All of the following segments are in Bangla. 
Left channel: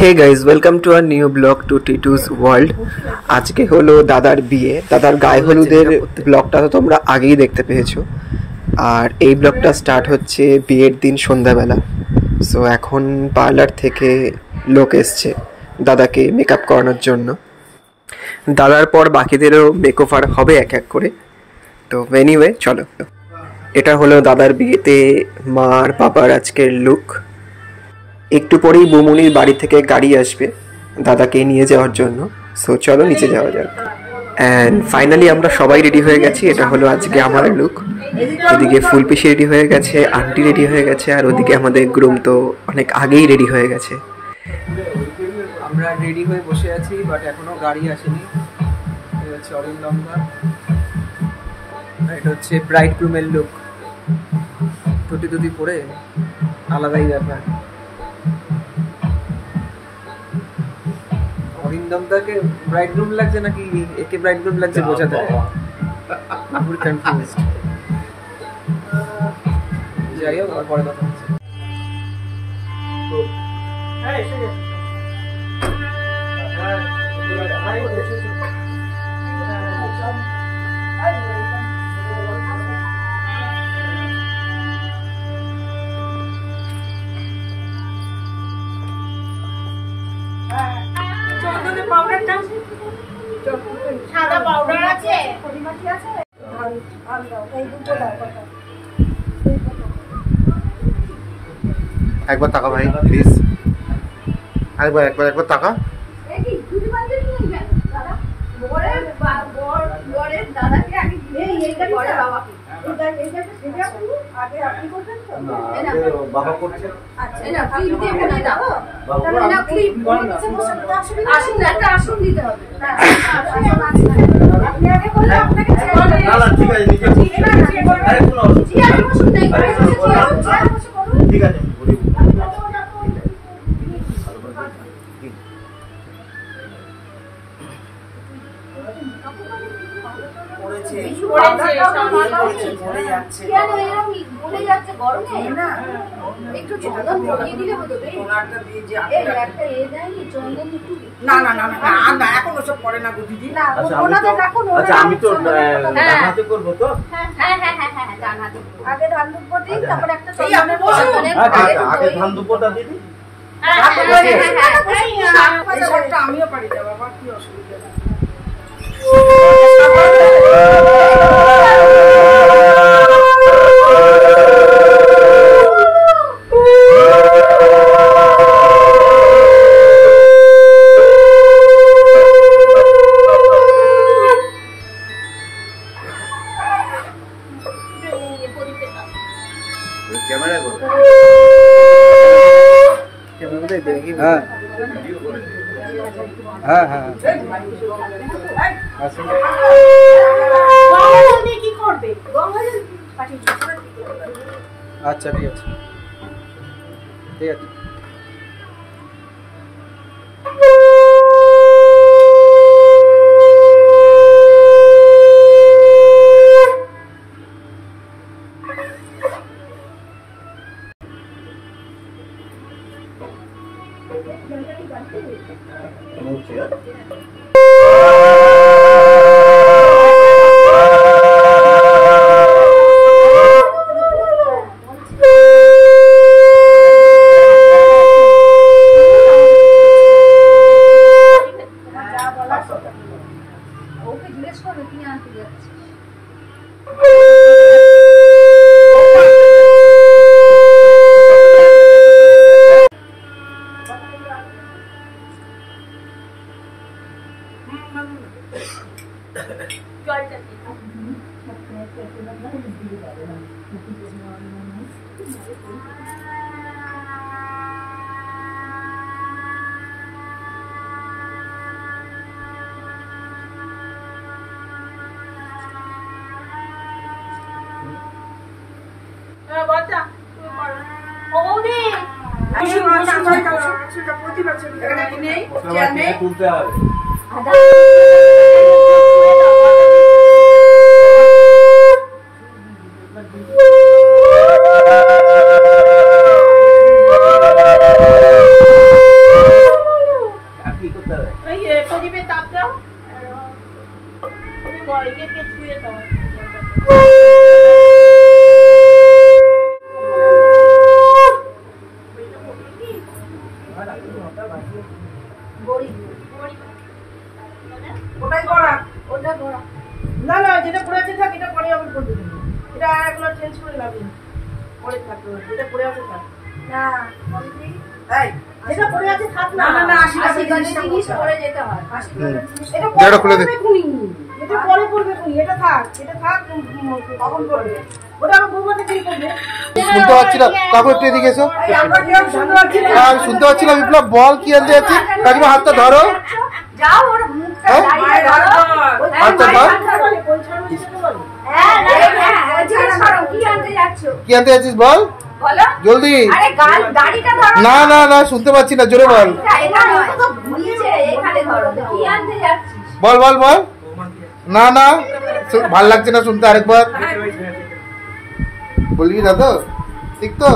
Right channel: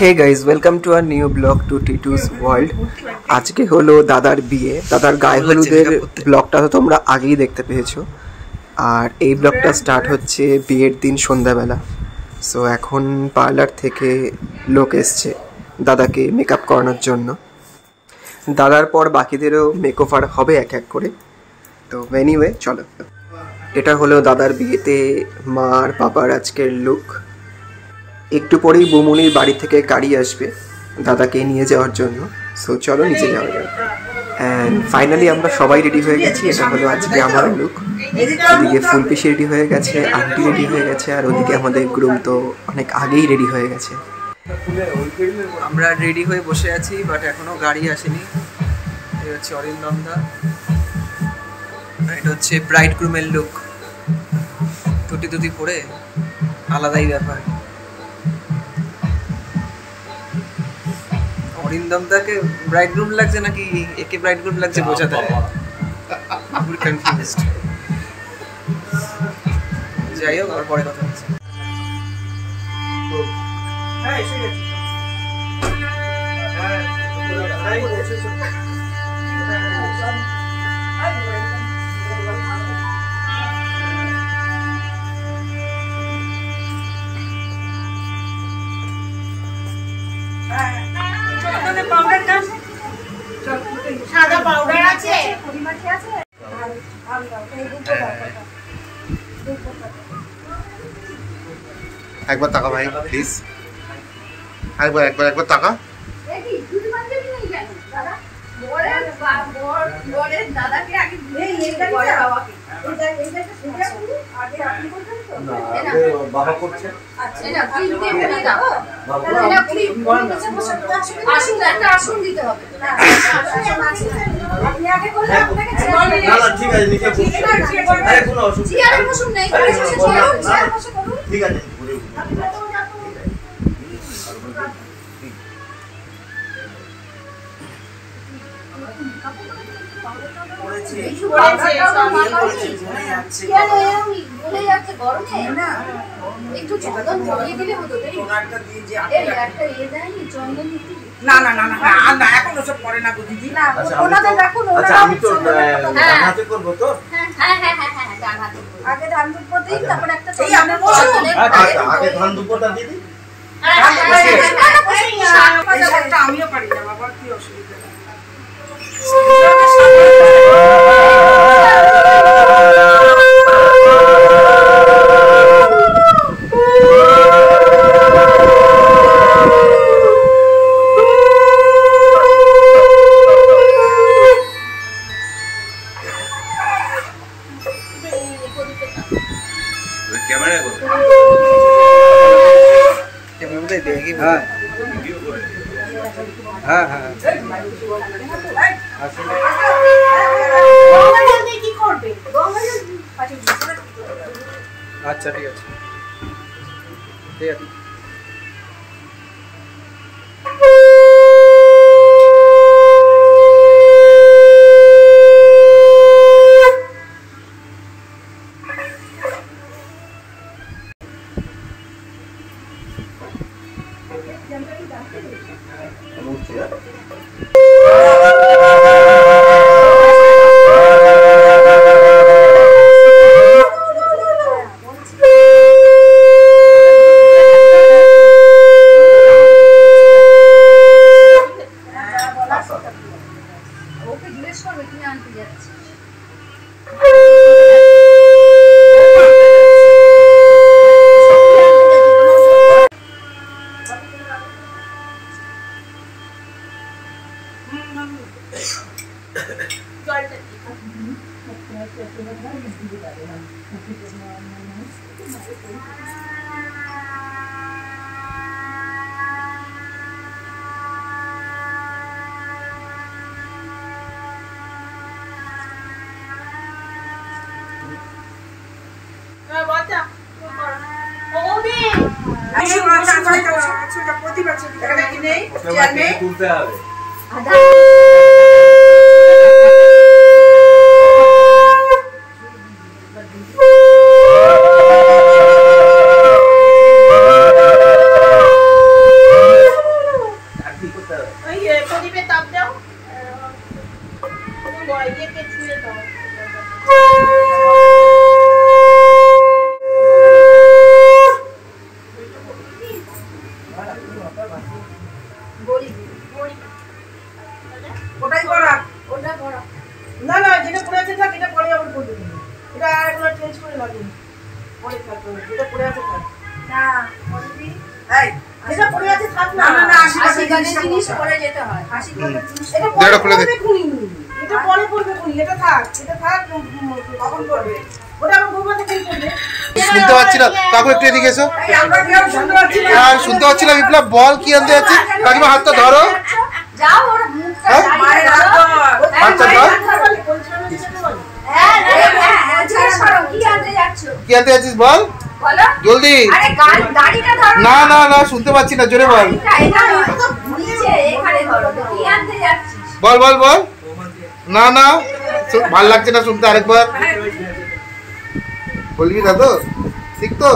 Hey guys, welcome to our new blog to Titu's world. আজকে হলো দাদার বিয়ে, দাদার গায়ে হলুদের ব্লগটা তো তোমরা আগেই দেখতে পেয়েছো। আর এই ব্লগটা স্টার্ট হচ্ছে বিয়ের দিন সন্ধ্যাবেলা। সো এখন পার্লার থেকে লোক এসছে দাদাকে মেকআপ করানোর জন্য। দাদার পর বাকিদেরও মেকওভার হবে এক এক করে। তো এনিওয়ে চলো, এটা হলো দাদার বিয়েতে মার বাবার আজকের লুক। একটু পরেই বুমুনির বাড়ি থেকে গাড়ি আসবে দাদাকে নিয়ে যাওয়ার জন্য। সো চলো নিচে যাওয়া যাক। অ্যান্ড ফাইনালি আমরা সবাই রেডি হয়ে গেছি। এটা হলো আজকে আমার লুক। এদিকে ফুলপিসি রেডি হয়ে গেছে, আন্টি রেডি হয়ে গেছে, আর ওদিকে আমাদের গ্রুম তো অনেক আগেই রেডি হয়ে গেছে। আমরা রেডি হয়ে বসে আছি, বাট এখনো গাড়ি আসেনি। এটা হচ্ছে অরিন্দম দা, এটা হচ্ছে ব্রাইড গ্রুমের লুক। টুটি টুটি পরে আলাদাই ব্যাপার। অরিন্দম দাকে ব্রাইড গ্রুম লাগছে নাকি একে ব্রাইড গ্রুম লাগছে বোঝাতে হবে, পুরো কনফিউজড। যাই হোক, আর পরে কথা হচ্ছে। সাদা পাউডার আছে, একবার টাকা ভাই প্লিজ, একবার টাকা। বাবা করছে ঠিক আছে, ঠিক আছে। একটু চন্দন ভরিয়ে দিলে হতো। না না না না, এখন ওসব করে না গো দিদি। আমি তো ডান হাতে করবো তো। হ্যাঁ ডান হাতে আগে ধান দুব্বো দিই, তারপর একটা আগে ধান দুব্বোটা দিদি। আমিও পারি না বাবা, কি অসুবিধা। আচ্ছা ঠিক আছে, ঠিক আছে। তুলতে হবে। ওটাই করা, ওটা করা। না না, যেটা পড়ে আছে থাক, এটা পরে আবার করবে। এটা এগুলো চেঞ্জ করে লাগবে। পরে থাকবে, যেটা পড়ে আছে থাক। না, বলবি? এই, যেটা পড়ে আছে থাক না। না না, 80 গানের জিনিস পরে যেতে হয়। 80 গানের জিনিস এটা পরে করবে কোনি। এটা পরে করবে কোনি, এটা থাক। এটা থাক, কখন করবে? ওটা আমি বলবো কি করবে? শুনতে পাচ্ছি না, কাকু একটু এদিকে এসো। আমরা কেউ শুনতে পাচ্ছি না। হ্যাঁ শুনতে পাচ্ছি না, বিপ্লব বল কি আনতে যাচ্ছি। কাকিমা হাতটা ধরো। যাও, ওর মুখটা দাঁড়িয়ে ধরো। হাতটা ধর। হ্যাঁ, ছাড়ো, কি আনতে যাচ্ছ? কি আনতে যাচ্ছিস বল বলো জলদি। আরে দাড়িটা ধরো। না না না, শুনতে পাচ্ছি না, জোরে বল। এটা তো ভুলিছে, এখানে ধরো। কি আনতে যাচ্ছিস? বল বল বল। না না, ভাল লাগছে না শুনতে, আরেকবার বলবি না তো? ঠিক তো?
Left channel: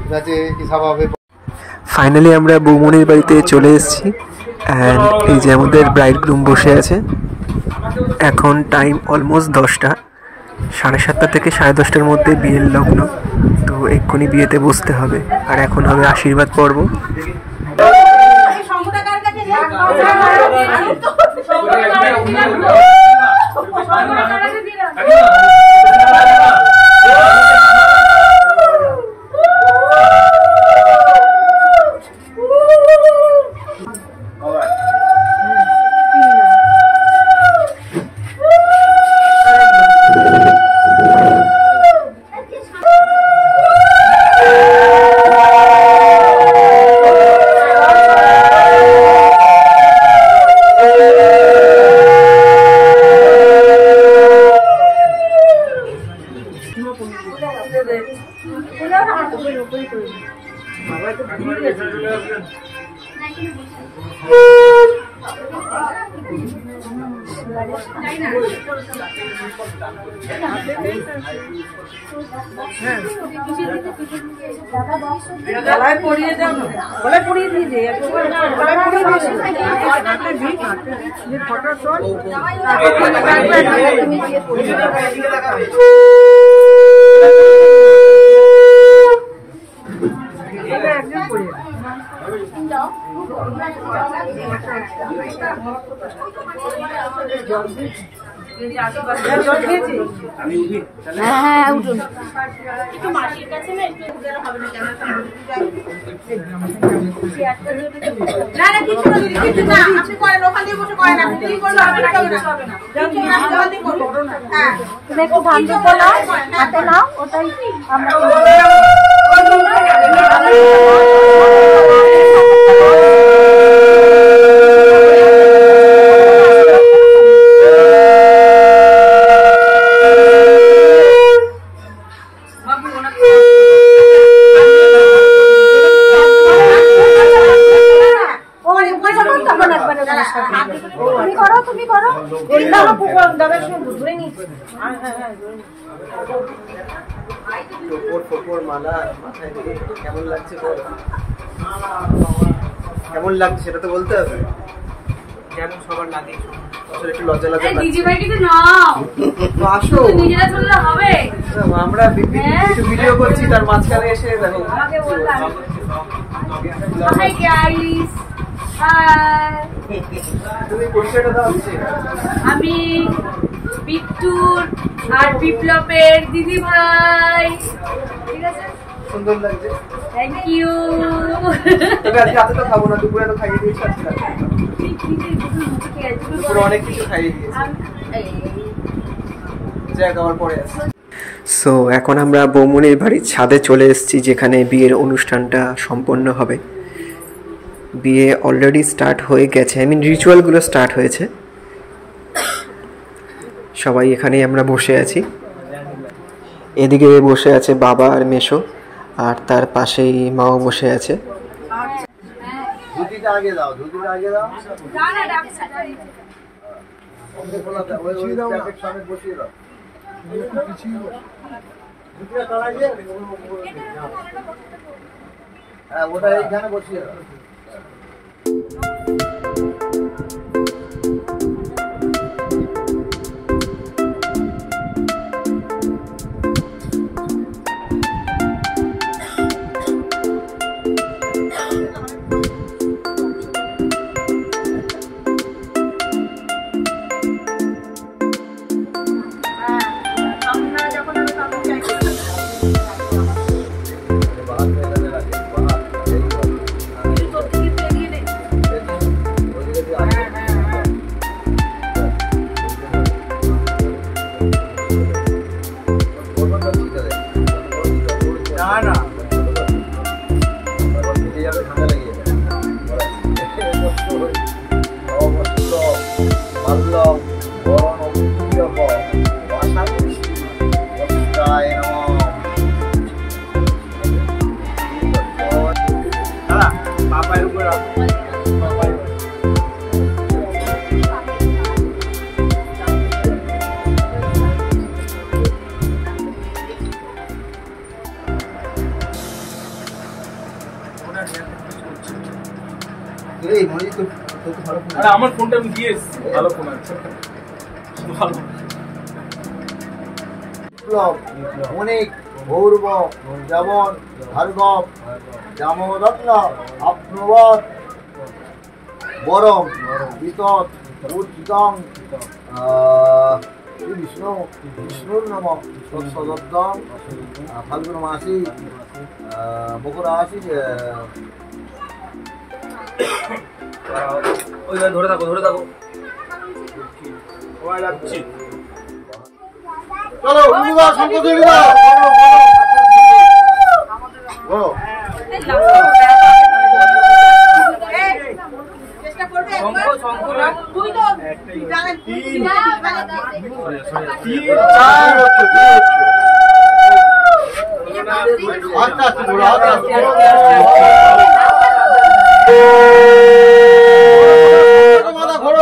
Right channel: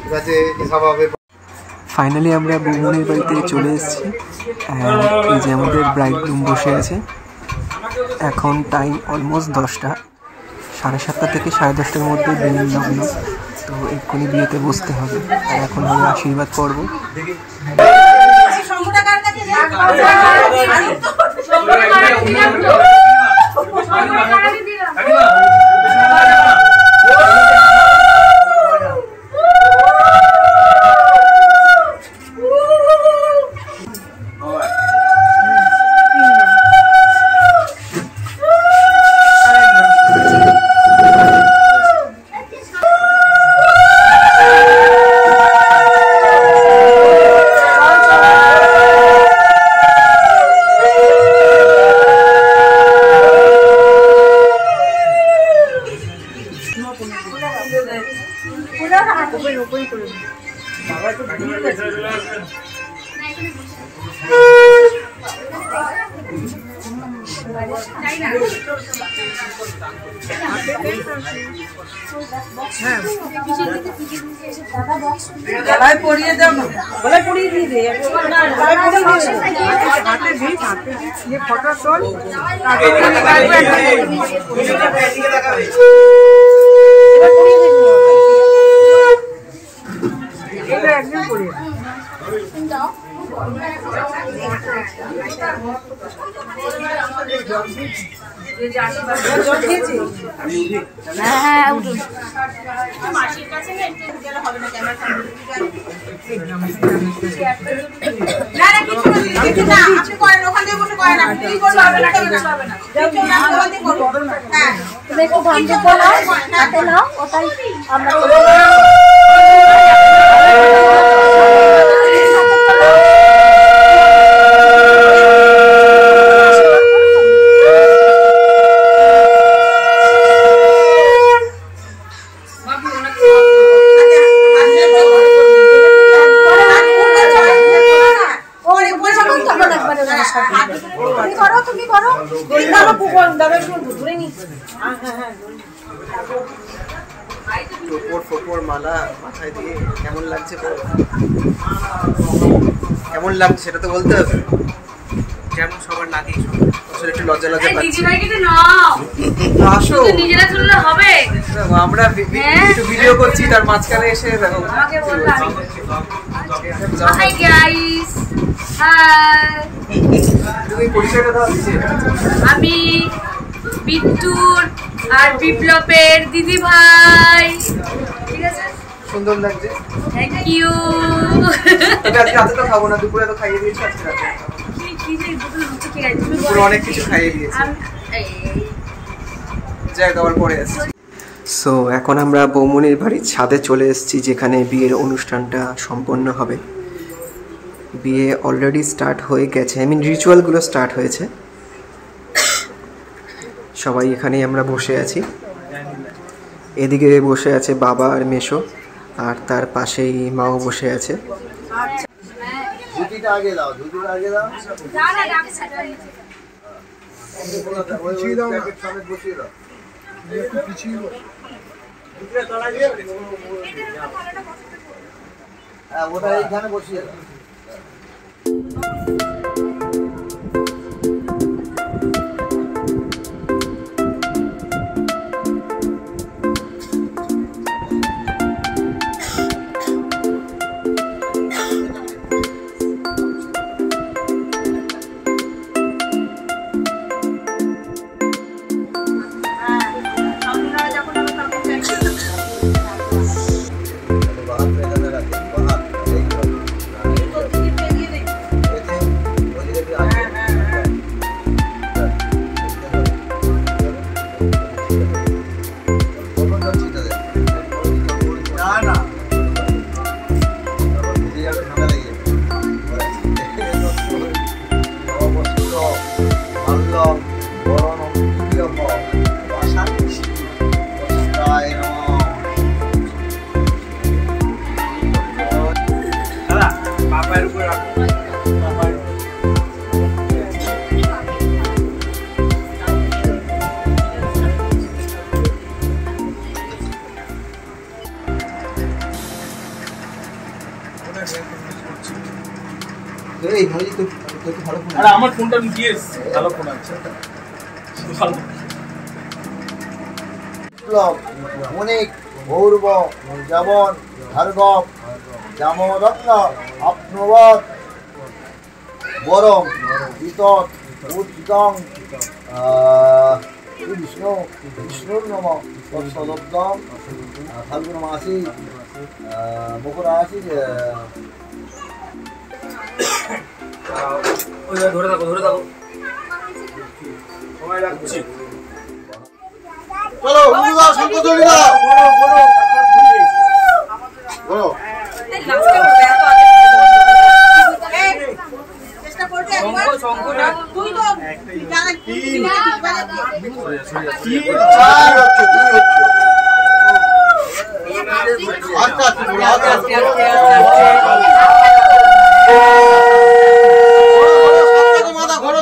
ঠিক আছে, সব হবে। ফাইনালি আমরা বৌমনির বাড়িতে চলে এসেছি। অ্যান্ড এই যে আমাদের ব্রাইড গ্রুম বসে আছে। এখন টাইম অলমোস্ট 10টা, 7:30 থেকে 10:30টার মধ্যে বিয়ের লগ্ন। তো এক্ষুনি বিয়েতে বসতে হবে। আর এখন হবে আশীর্বাদ পর্ব। গলায় পরিয়ে দাও না, গলায় পরিয়ে দিয়ে দে। গলায় পরিয়ে দিয়ে ফটো শট। এটা একদম পরিয়ে দাও। মাসির কাছে না একটু গেলে হবে না, ক্যামেরা না না, কিছু না, আপনি করেন, ওখান দিয়ে বসে করেন। আপনি কি করবেন? হ্যাঁ, তুমি একটু ধান দুটো নাও, হাতে নাও, ওটাই আমরা তুমি করো। দাদা ধরে নি। টোপর মালা মাথায় দিয়ে কেমন লাগছে বল? কেমন লাগছে সেটা তো বলতে হবে। যেমন সবার লাগে, আসলে একটু লজ্জা লাগছে। আসো, আমরা একটু ভিডিও করছি, তার মাঝখানে এসে দেখো। হাই গাইস, তুমি পরিচয়টা দাও। আমি বিট্টুর আর বিপ্লবের দিদি ভাই। ঠিক আছে, সুন্দর লাগছে। Thank you. তবে আজকে রাতে তো খাবো না, দুপুরে তো খাইয়ে দিয়েছি। আজকে রাতে দুপুরে অনেক কিছু খাইয়ে দিয়েছি। যাই খাবার পরে আসছি। সো এখন আমরা বৌমনির বাড়ির ছাদে চলে এসেছি, যেখানে বিয়ের অনুষ্ঠানটা সম্পন্ন হবে। বিয়ে অলরেডি স্টার্ট হয়ে গেছে, রিচুয়ালগুলো স্টার্ট হয়েছে। সবাই এখানেই আমরা বসে আছি। এদিকে বসে আছে বাবা আর মেশো, আর তার পাশেই মাও বসে আছে। ধুতিটা আগে দাও, ধুতিটা আগে দাও। বসিয়ে দাও। হ্যাঁ, ওটা এইখানে বসিয়ে দাও। আমার ফোনটা আমি দিয়েছি, ভালো ফোন আছে। অনেক ভৌরব যেমন ভার্গব জামরত্ন আপ্নবৎ বরম বিতৎ উচ্চং বিষ্ণু বিষ্ণুর নম তৎসদব্দম ফাল্গুন মাসি মকর রাশি ধরে থাকো সময় লাগছে। চলো উদা শঙ্কর দাও বলো চেষ্টা করবে একবার তুই তো জানা কি মাথা ঘোরো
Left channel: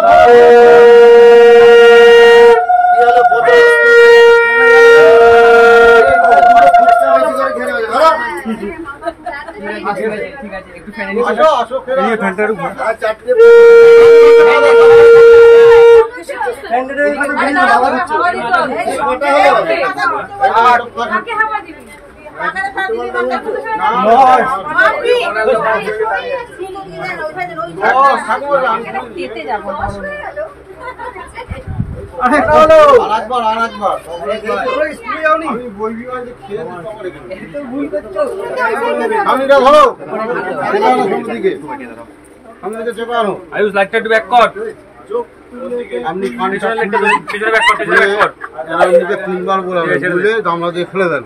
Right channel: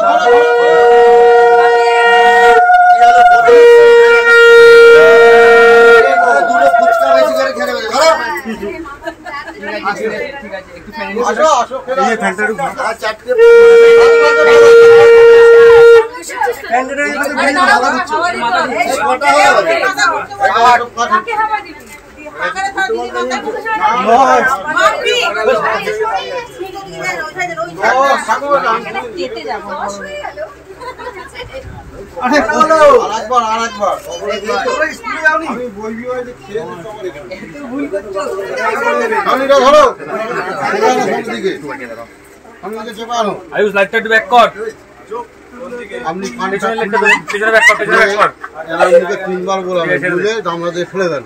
তিনবার বলাবে বুঝলে দামড়া দিয়ে ফেলে দেন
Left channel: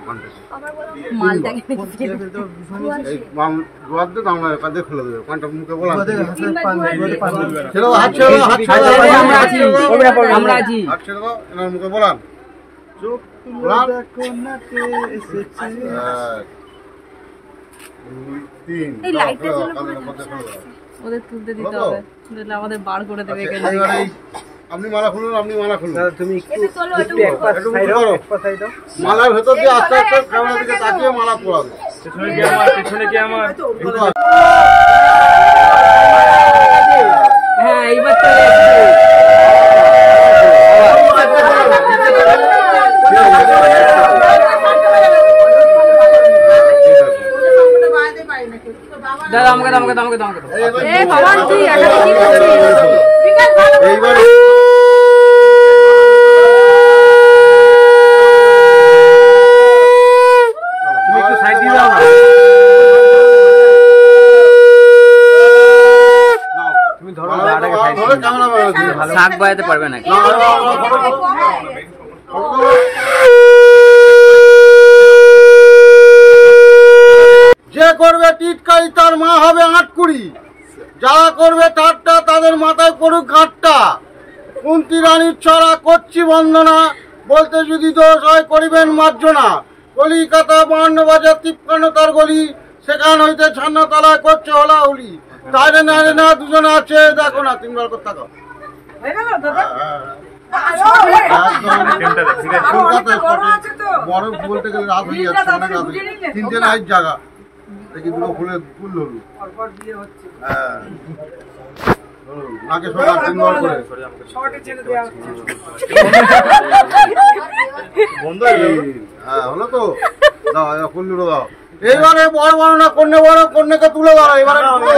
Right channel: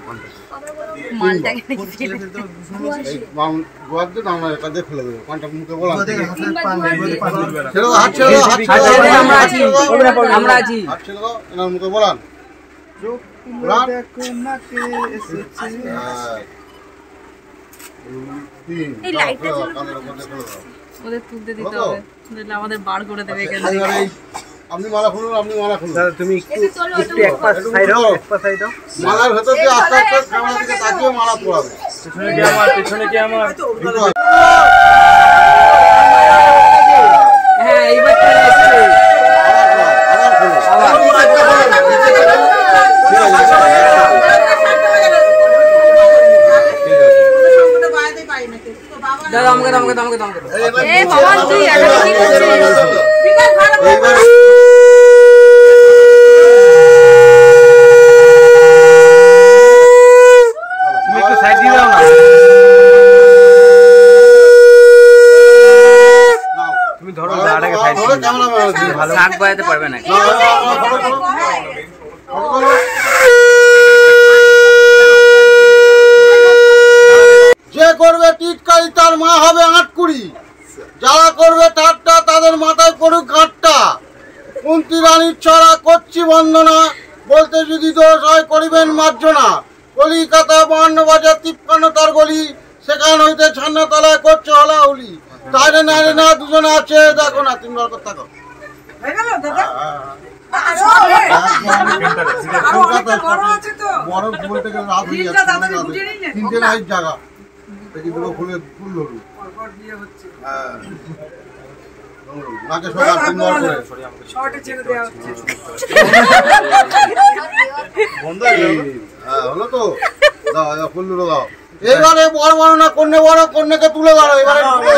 ফেলে দেবে পানটা মুখে বলা হাত ছেড়ে দাও এনার মুখে বলান ওদের তুলতে দিতে হবে, আমাদের বার করে দেবে। আপনি মালা খুলুন, তুমি মালার ভেতর দিয়ে আস্তে আস্তে ক্যামেরা দিকে তাকিয়ে মালা পড়াবে। পেছনে কি আমার হ্যাঁ এইবার চলে এসেছে। দাদা আমাকে শাক বাজাতে পারবে না। যে করবে টিটকারি তার মা হবে আটকুড়ি, যারা করবে ঠাট্টা তাদের মাথায় পড়ুক ঘাটটা। কুন্তি রানীর ছড়া করছি বন্দনা, বলতে যদি দোষ হয় করিবেন মার্জনা। কলিকাতা 52 বাজার 53 তার গলি, সেখান হইতে ছান্নাতলায় করছে হলাহুলি। তাইরে না দুজনে আছে দেখো না, তিনবার কথা থাকো। বরফ বলতে গেলে রাত হয়ে যাচ্ছে, 3টে নাইট জায়গা দেখি দুটো ফুল ধরু। নাকে সকাল 3বার করে হলো তো, দাও ফুল দাও। এইবারে বড় বড় না কন্যা বড়, কন্যাকে তুলে দাও। এবারে তুলে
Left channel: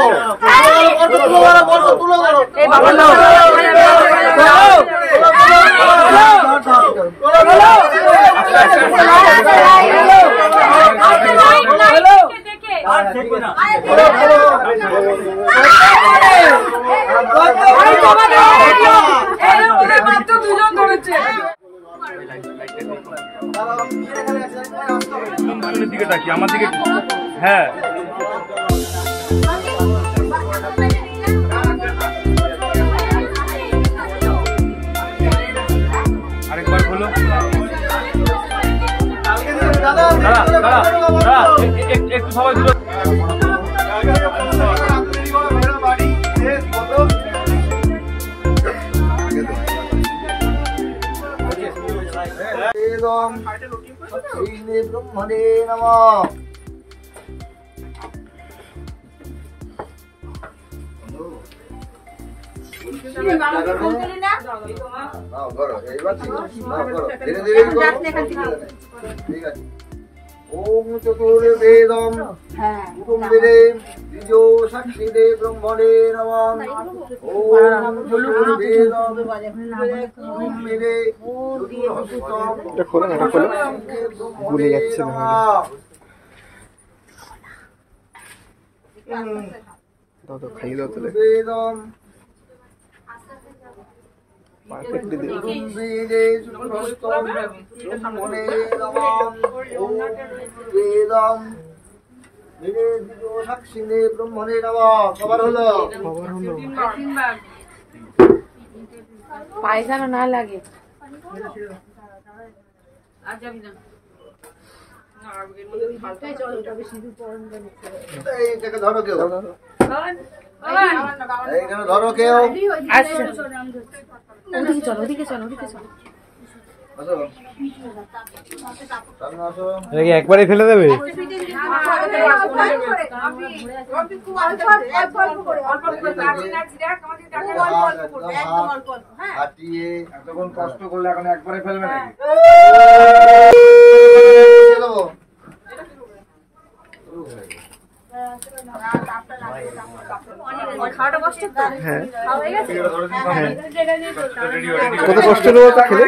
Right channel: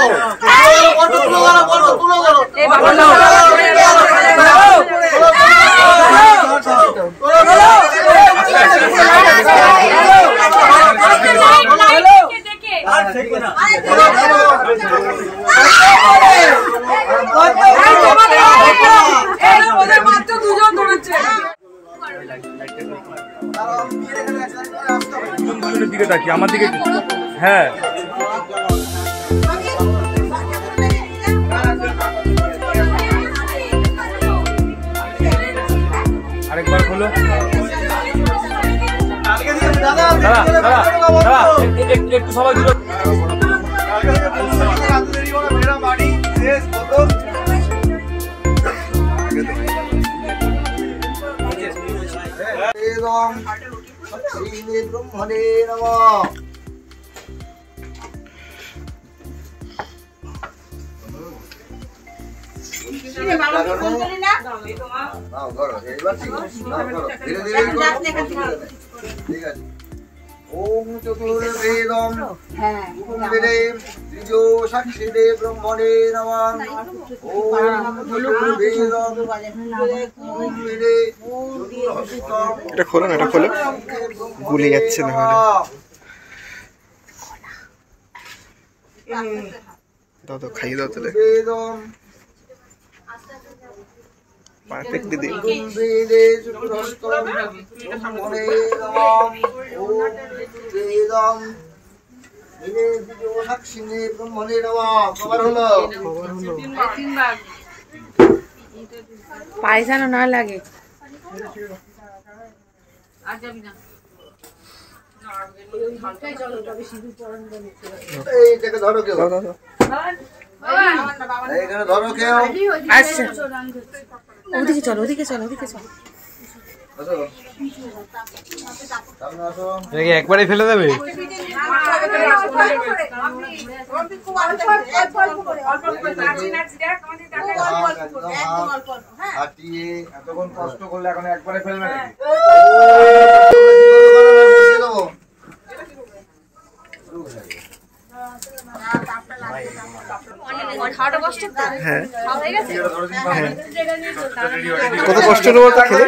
দিকে তাকি আমার দিকে। হ্যাঁ আরেকবার বলো। একটু সবাই দূর ব্রহ্মণে নমঃ। নাও ধরো এইবার ঠিক আছে নাও ধরো ধীরে ধীরে করো ঠিক আছে ওম চতুর্বেদম কুটুম্বিরে দ্বিজো সাক্ষিদে ব্রহ্মণে নমঃ ওম চতুর্বেদম কুটুম্বিরে চতুর্হস্তম এটা খোলো না, এটা খোলো, গুলে যাচ্ছে না হলে। দাও দাও, খাইয়ে দাও তাহলে। বেদম পারফেক্টলি দিই। কুটুম্বিরে চতুর্হস্তম ব্রহ্মণে নমঃ ওম বেদম ধীরে দ্বিজো সাক্ষিদে ব্রহ্মণে নমঃ। কবার হলো? পায়ে যেন না লাগে। এইটাকে ধরো কেউ, এইখানে ধরো কেউ। আচ্ছা ওদিকে চলো, ওদিকে চলো, ওদিকে চলো। আসো সামনে আসো। একবারে ফেলে দেবে? হাঁটিয়ে এতক্ষণ কষ্ট করলে এখন একবারে ফেলবে নাকি? হ্যাঁ হ্যাঁ, কত কষ্ট হলো তা খেলে।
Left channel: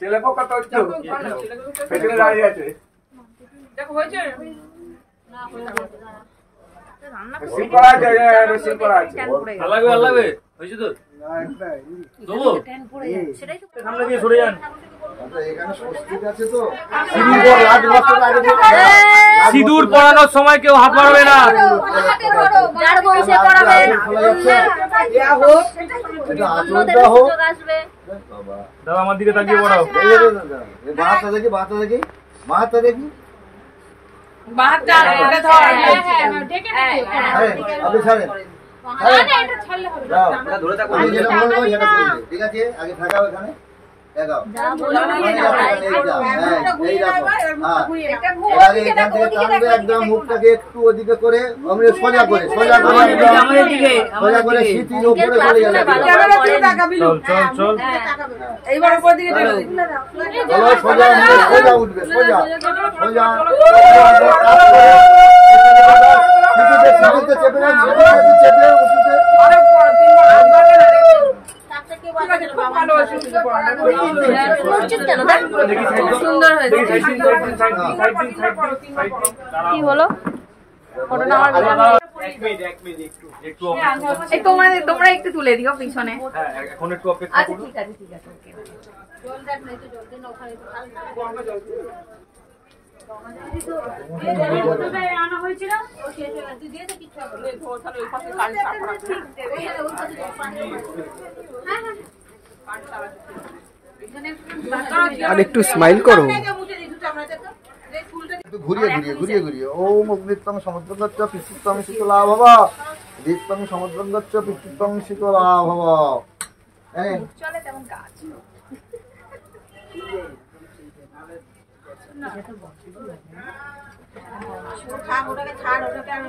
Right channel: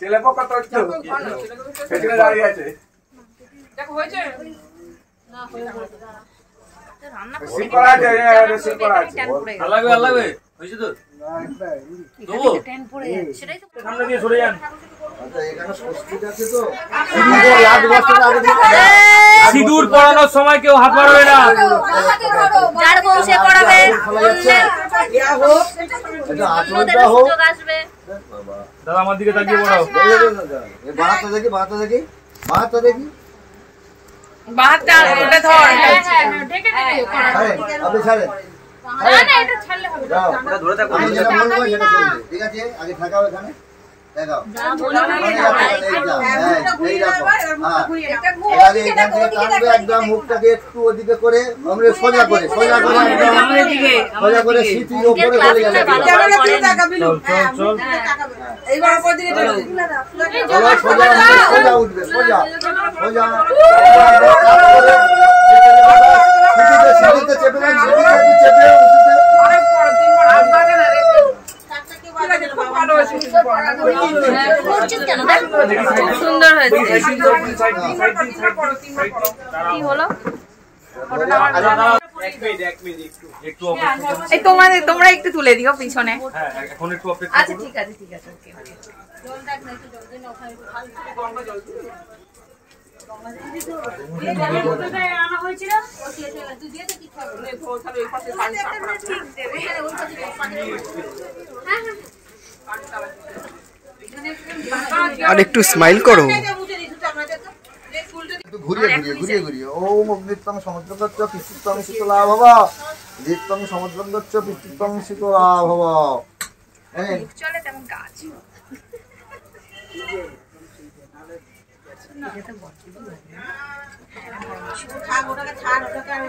ছেলেপক্ষ তো পেছনে দাঁড়িয়ে আছে। সিঁদুর পরানোর সময় কেউ হাত বাড়াবে না। দাদা আমার দিকে তাকিয়ে পড়াও। বাহাতটা দেখি, বাহাতটা দেখি, বাহাতটা দেখি। আপনি ছাড়েন, আমি যেটা বলবো সেটা করবে, ঠিক আছে? আগে থাকাও এখানে, দেখাও। আগে এখান থেকে টানবে একদম, মুখটাকে একটু ওদিকে করে, সোজা করে, সোজা করে, সোজা করে সিটির উপরে চলে যাবে। চল চল চল। এইবার উপর দিকে চলো। সোজা সোজা উঠবে, সোজা সোজা সিটিতে চেপে যান, সিটিতে চেপে উঠবে। সুন্দর হয়েছে। কি হলো? তোমরা একটু তুলে দিও পিছনে। এখন একটু অপেক্ষা আচ্ছা করুন। ঠিক আছে, ঠিক আছে। আর একটু স্মাইল করো। ঘুরিয়ে ঘুরিয়ে ঘুরিয়ে ঘুরিয়ে ওম অগ্নিত্বং সমুদ্রগচ্ছ পিতৃত্বং শীতলা ভবা, দীপ্তং সমুদ্রগচ্ছ পিতৃত্বং শীতলা ভবা। চলে তেমন কাজ। ওটাকে ছাড়, ওটাকে আমি